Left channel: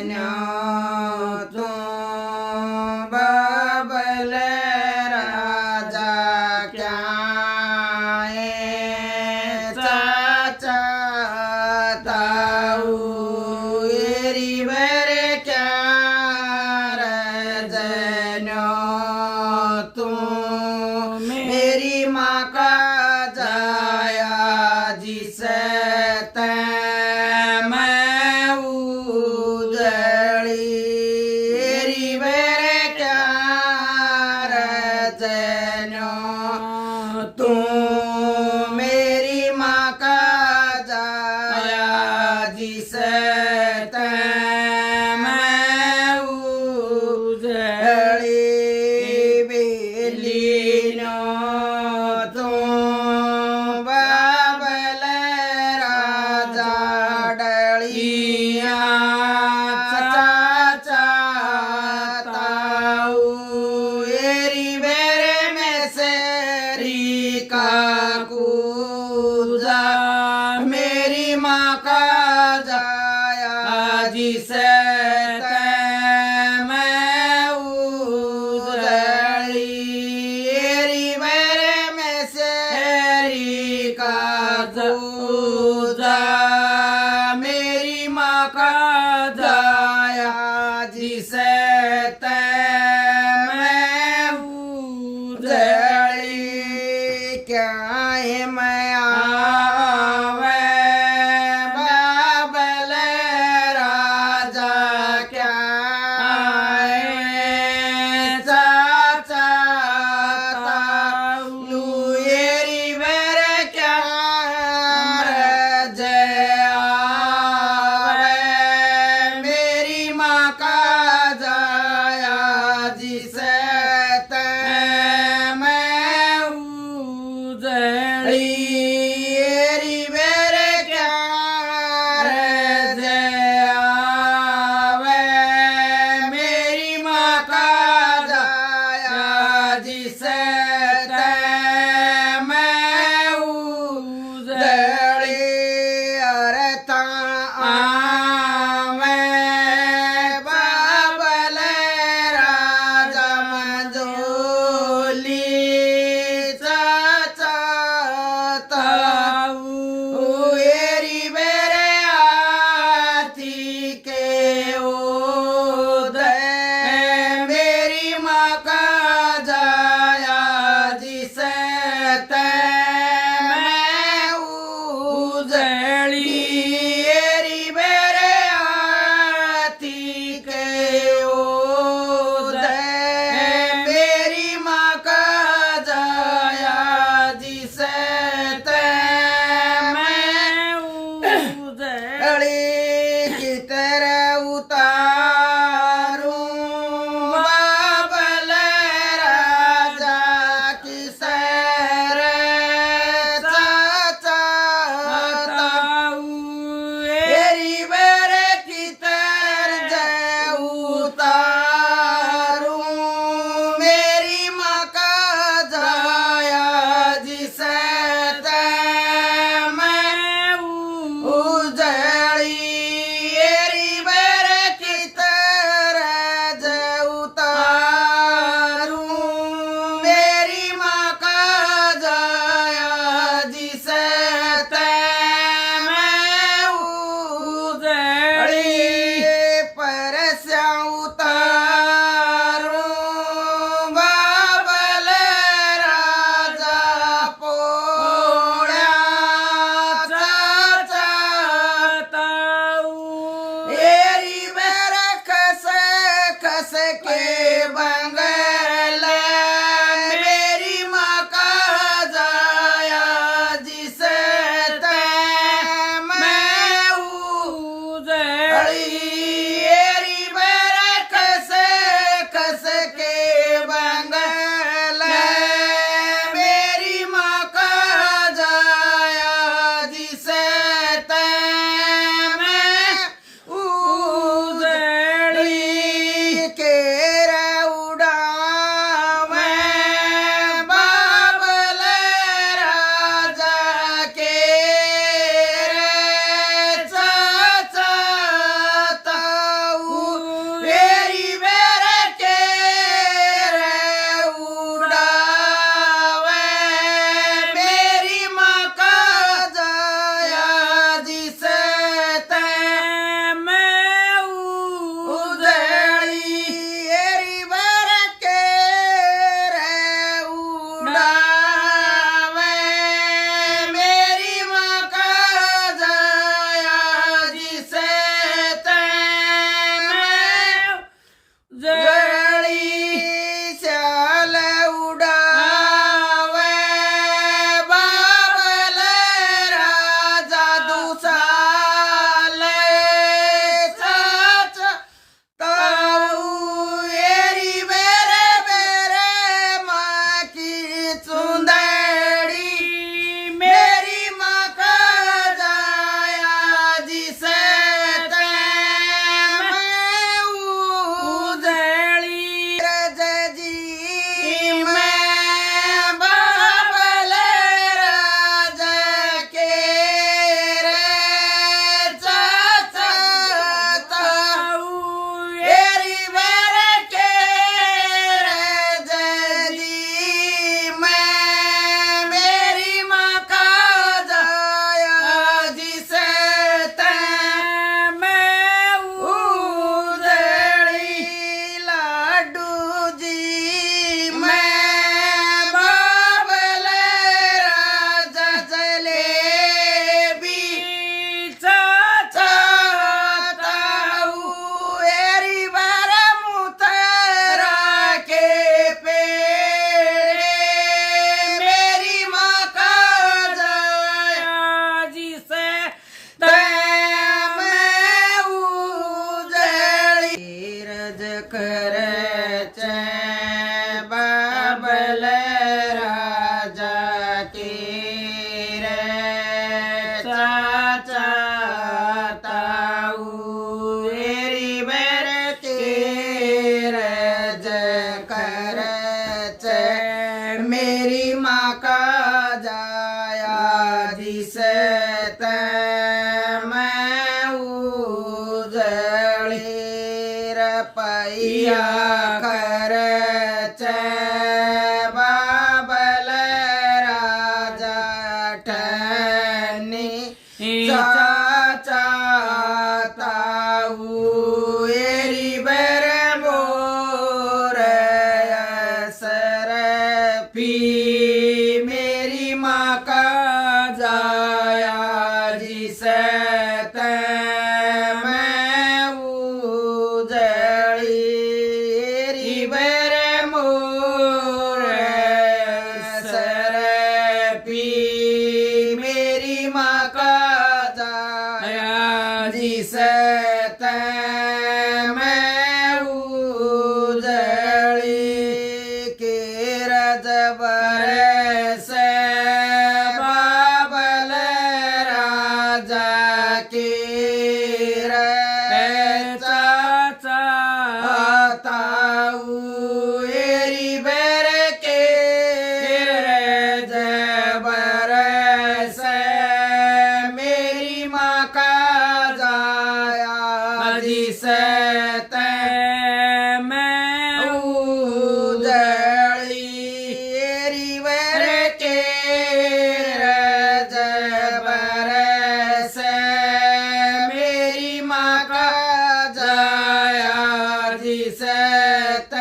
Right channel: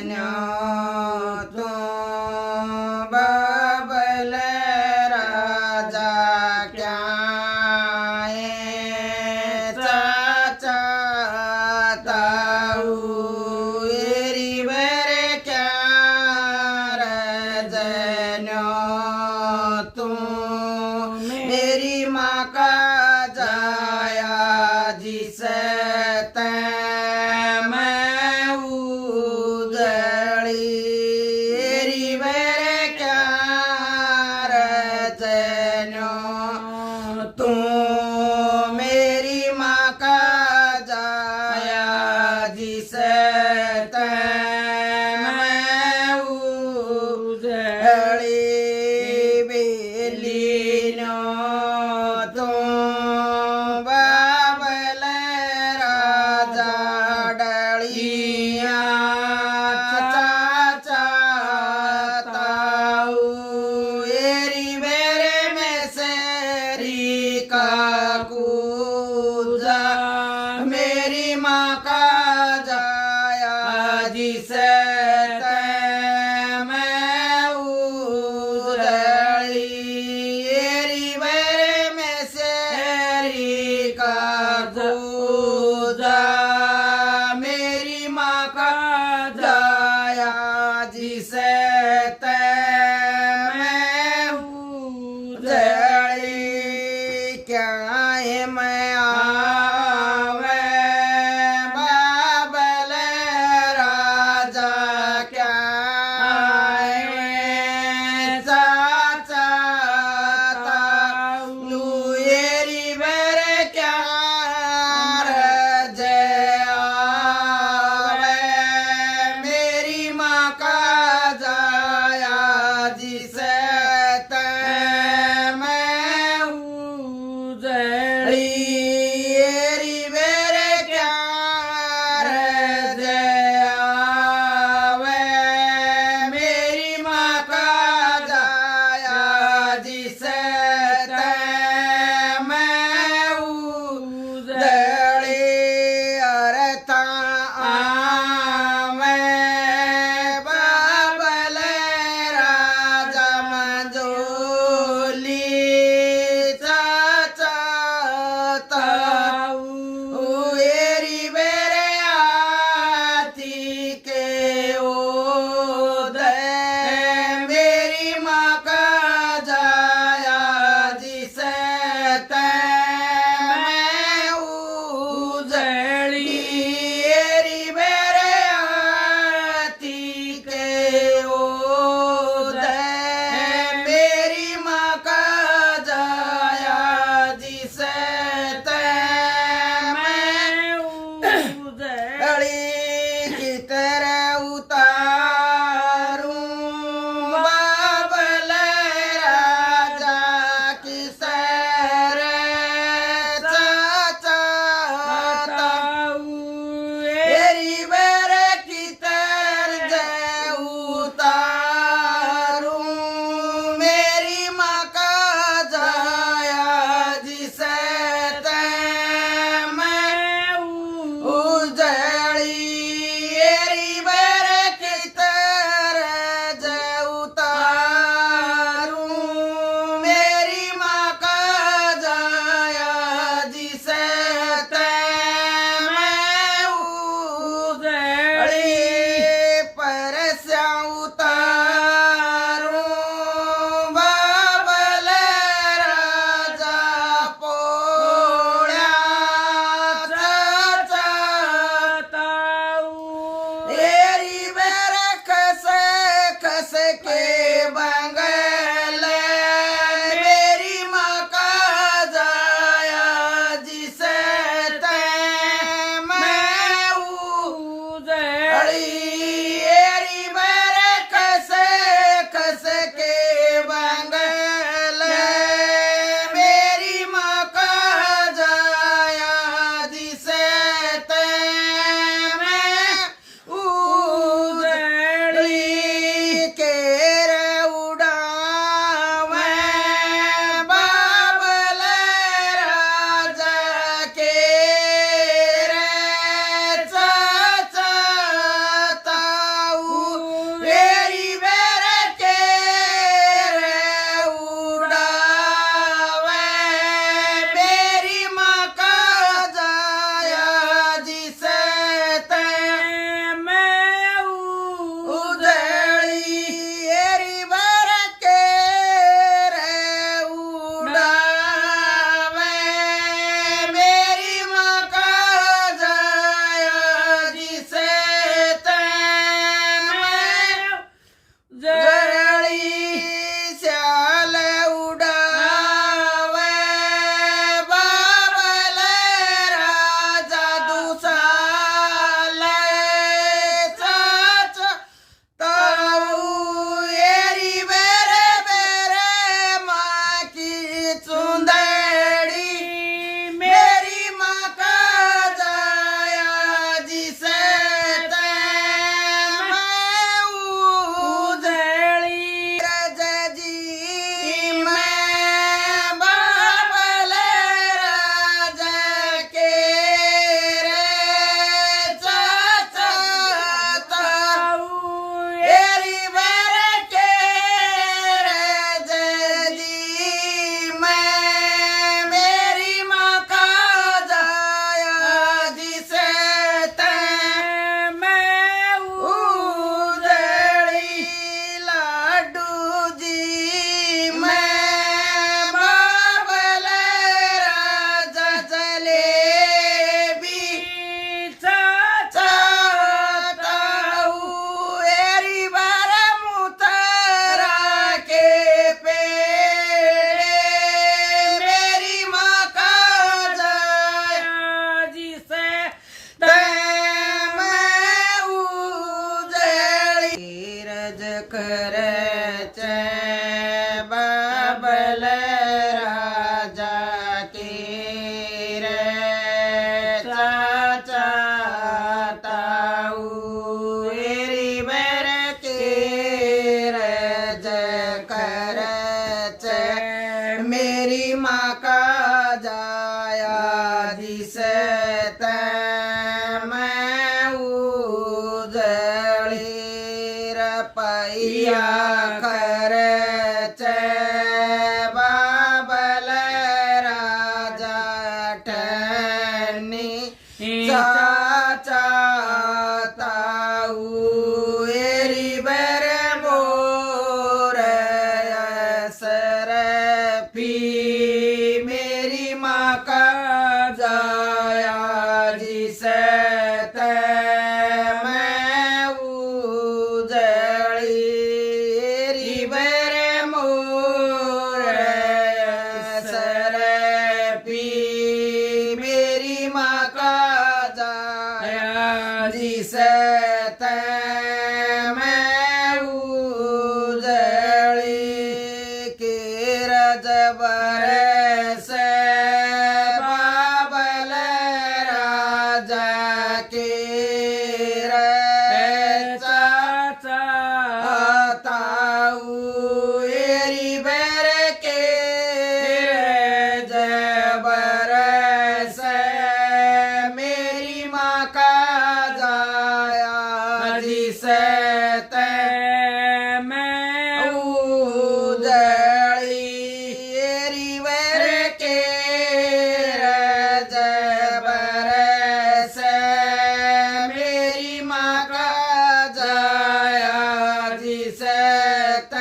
तू बाबल राजा क्या चाचा ताऊ एरी बर क्या रजनो तू मेरी माँ का जाया जिसे तू मेरी माँ का जाया जिसे मैं उजड़ी बेलीनो तू बाबल राजा डलिया चाचा ताऊ एरी बेरे में से कूजा मेरी माँ का जाया जिसे मैं उजड़ी एरी बरे में से का कूजा मेरी माँ का जाया जिसे मैं उजड़ी क्या है मैं आवे बाबल राजा क्या चाचा ताऊ एरी बर क्या रज आवे मेरी माँ का जाया जिसे एरी बेरे क्या रज आवे मेरी माँ का जाया जिसे मैं उजड़ी अरता आवे बाबल राजा मंजोली एरी बेरे आती के ओदे मेरी माँ का जाया जिसे मैं उजड़ी एरी बेरे आती के ओदे मेरी माँ का जाया जिसे की तरह उतारूं बाबल राजा की सर चाचा ताऊ एरी बर की तरह उतारूं मेरी माँ का जाया जिसे खरच बाबल राजा के रे चाचा ताऊ एरी बर के रज खरच मेरी माँ का जाया दिसत मैं उजड़ी रपैया खरच बाबल राजा ठनी चाचा ताऊ एरी बर मोर असर पी मेरी माँ का जाया जिसत मैं उजड़ी एरी बर मोर असर पी मेरी माँ का जाया जिसत मैं उजड़ी के रज बरस बाबल राजा के चाचा ताऊ एरी बर के रज बरस मेरी माँ का जाया जिसत मैं उजड़ी एरी बर के रज बरस मेरी माँ का जाया जिसत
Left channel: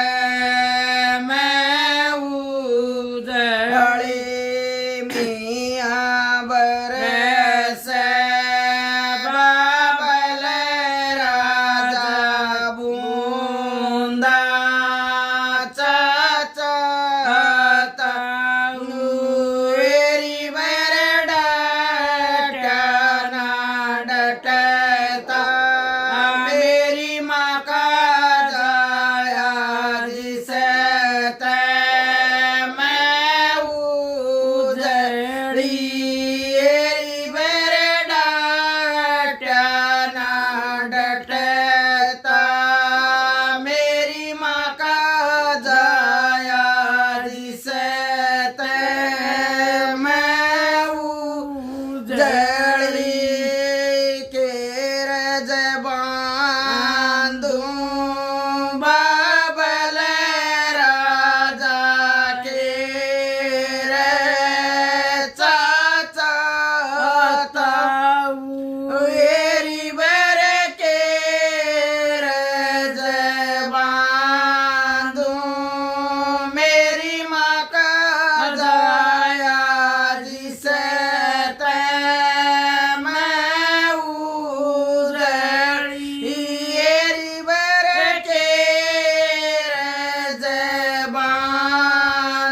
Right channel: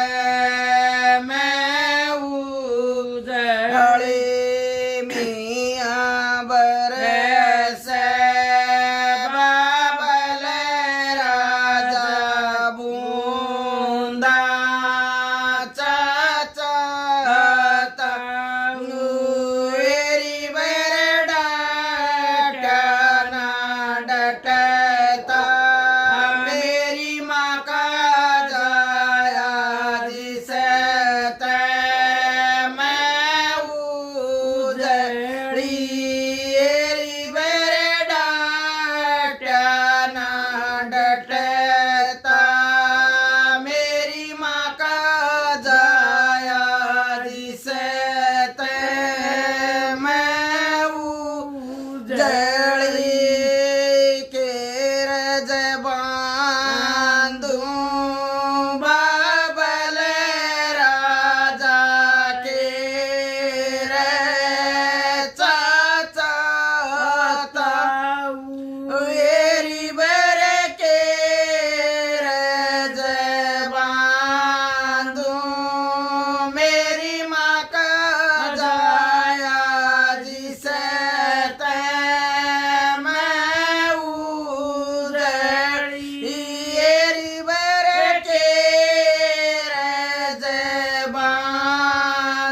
मैं उजड़ी मियाँ बरस बाबल राजा बूंदा चाचा ताऊ एरी बर डटना डटता मेरी माँ का जाया जिसत मैं उजड़ी एरी बर डटना डटता मेरी माँ का जाया जिसत मैं उजड़ी के रज बांधूं बाबल राजा के रे चाचा ताऊ एरी बर के रज बांधूं मेरी माँ का जाया जिसत मैं उजड़ी एरी बर के रज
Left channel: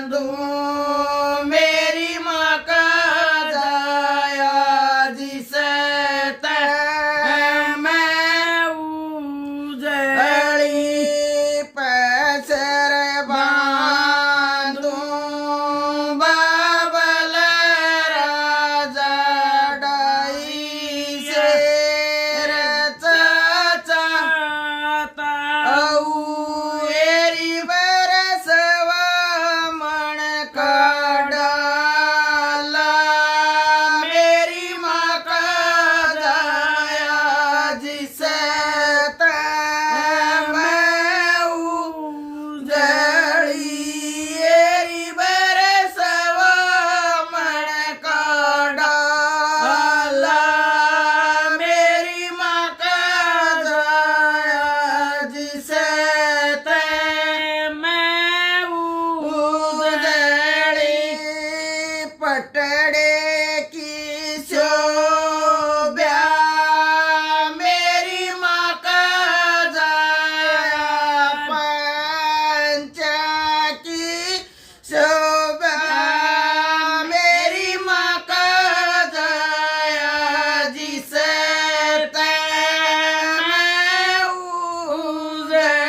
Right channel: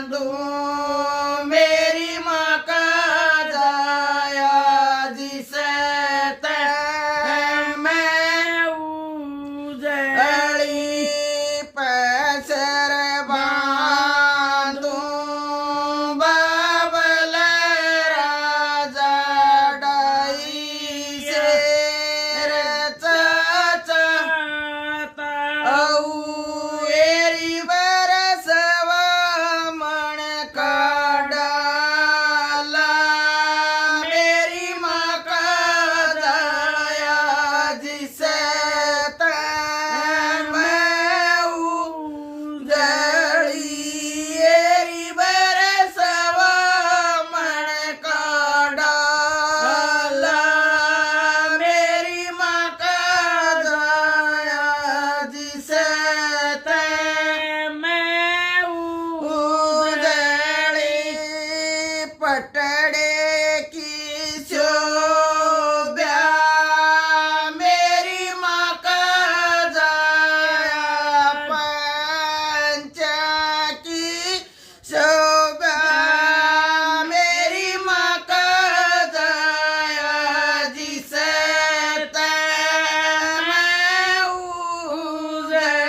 बांधूं मेरी माँ का जाया जिसत मैं उजड़ी पैसर बांधूं बाबल राजा डाई से चाचा ताऊ एरी बरसवा मन का डाला मेरी माँ का जाया जिसत मैं उजड़ी एरी बरसवा मन का डाला मेरी माँ का जाया जिसत मैं उजड़ी पटड़े की शोभा मेरी माँ का जाया पंचा की शोभा मेरी माँ का जाया जिसत मैं उजड़ी